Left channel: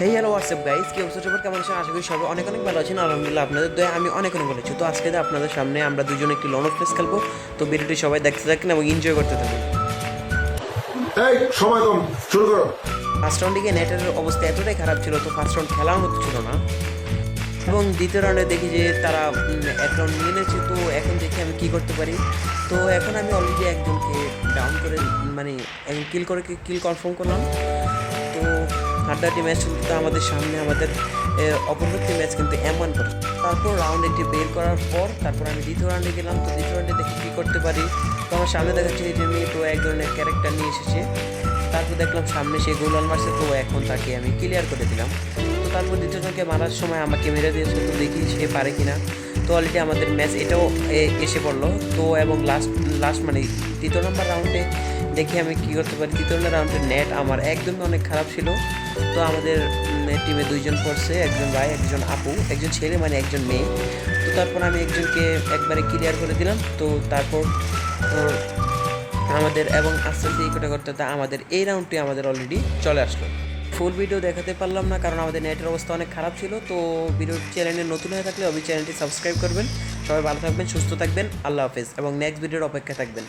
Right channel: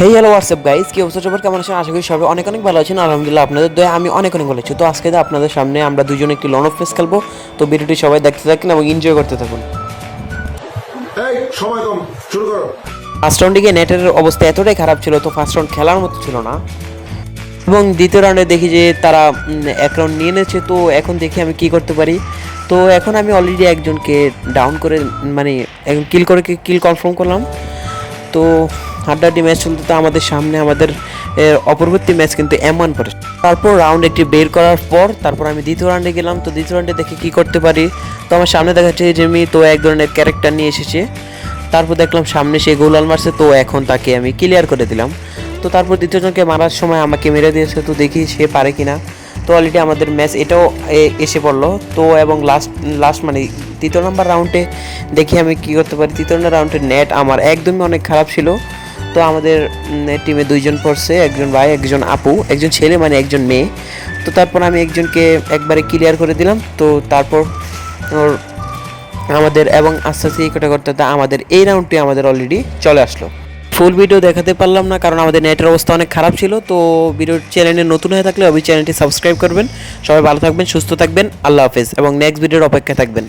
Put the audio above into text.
Hey hello WhatsApp guys, কি অবস্থা সবার? কেমন আছেন? আশা করি সবাই অনেক অনেক ভালো আছেন। আলহামদুলিল্লাহ আপনাদের দয়া আমি অনেক অনেক ভালো আছি। তো আজকে আপনাদের সামনে আমরা দুজনে একটি লন অফ প্লেস খেলবো। তো ভিডিওটি সবাই দেখতে থাকুন এবং এনজয় করতে থাকুন। এই সময় কম, শুরু করো। ফার্স্ট রাউন্ডে গিয়ে নেটের অবস্থা এতটাই খারাপ ছিল, তো ফার্স্ট রাউন্ড খেলার মতো ছিল না। এবং দ্বিতীয় রাউন্ডে দেখি যে তারা এক রাউন্ড নিয়ে নিয়েছে। তো এখন দেখি আমি কি করতে পারি। তো এখন আমি অলরেডি একজনকে ডাউন করে মানে কিল কনফার্ম করলাম। তো হাড্ডাহাড্ডি ম্যাচ চলতে তো আমাদের সামনে আমাদের অপরবর্তী ম্যাচ কিন্তু M1 পরে। তারপর রাউন্ড একটি বের করার পর তারপর আমি দ্বিতীয় রাউন্ডে গেলাম। তো দ্বিতীয় রাউন্ডে দেখি কী করতে পারি। তো আমার সামনে দেখা যাচ্ছে যে তো এক ধরনের ক্যারেক্টার নিয়ে এসেছে। তারপর দেখলাম সামনে সে গোলাল মারছে, তো এখন তাকে আমি ক্লিয়ার করে দিলাম। তো তারপর দ্বিতীয়জনকে মারার সময় আমাকে মেরে দিয়েছে, তো দেখি সে পারে কিনা। তো অলরেডি আমাদের ম্যাচ এটাও এসে পড়লো। তো এবং লাস্ট মানে তৃতীয় নম্বর রাউন্ডে দেখি আমি কী করতে পারি। তৃতীয় রাউন্ডের নেট আমার একদমই অনেক খারাপ ছিল। তো আমাদের টিমে দুইজন পড়ছে, একজন ভাই একজন আপু, একজন ছেলে মানে একজন মেয়ে। তো তারপর আমি একজনকে একবারে ক্লিয়ার করে দিলাম। তো তারপর ওর আমাদের এবং আস্তে আস্তে এই কটা করতে আমাদের এই রাউন্ডটি আমাদের অলরেডি চলে আসলো। ফুল ভিডিও দেখাতে পারলাম না কারণ আমাদের নেটের অবস্থা অনেক খারাপ ছিল। তো ভিডিও চ্যানেলে নতুন হয়ে থাকলে অবশ্যই চ্যানেলটি সাবস্ক্রাইব করবেন। সবাই ভালো থাকবেন, সুস্থ থাকবেন, আল্লাহ হাফেজ এবং নেক্সট ভিডিওর অপেক্ষা থাকবেন।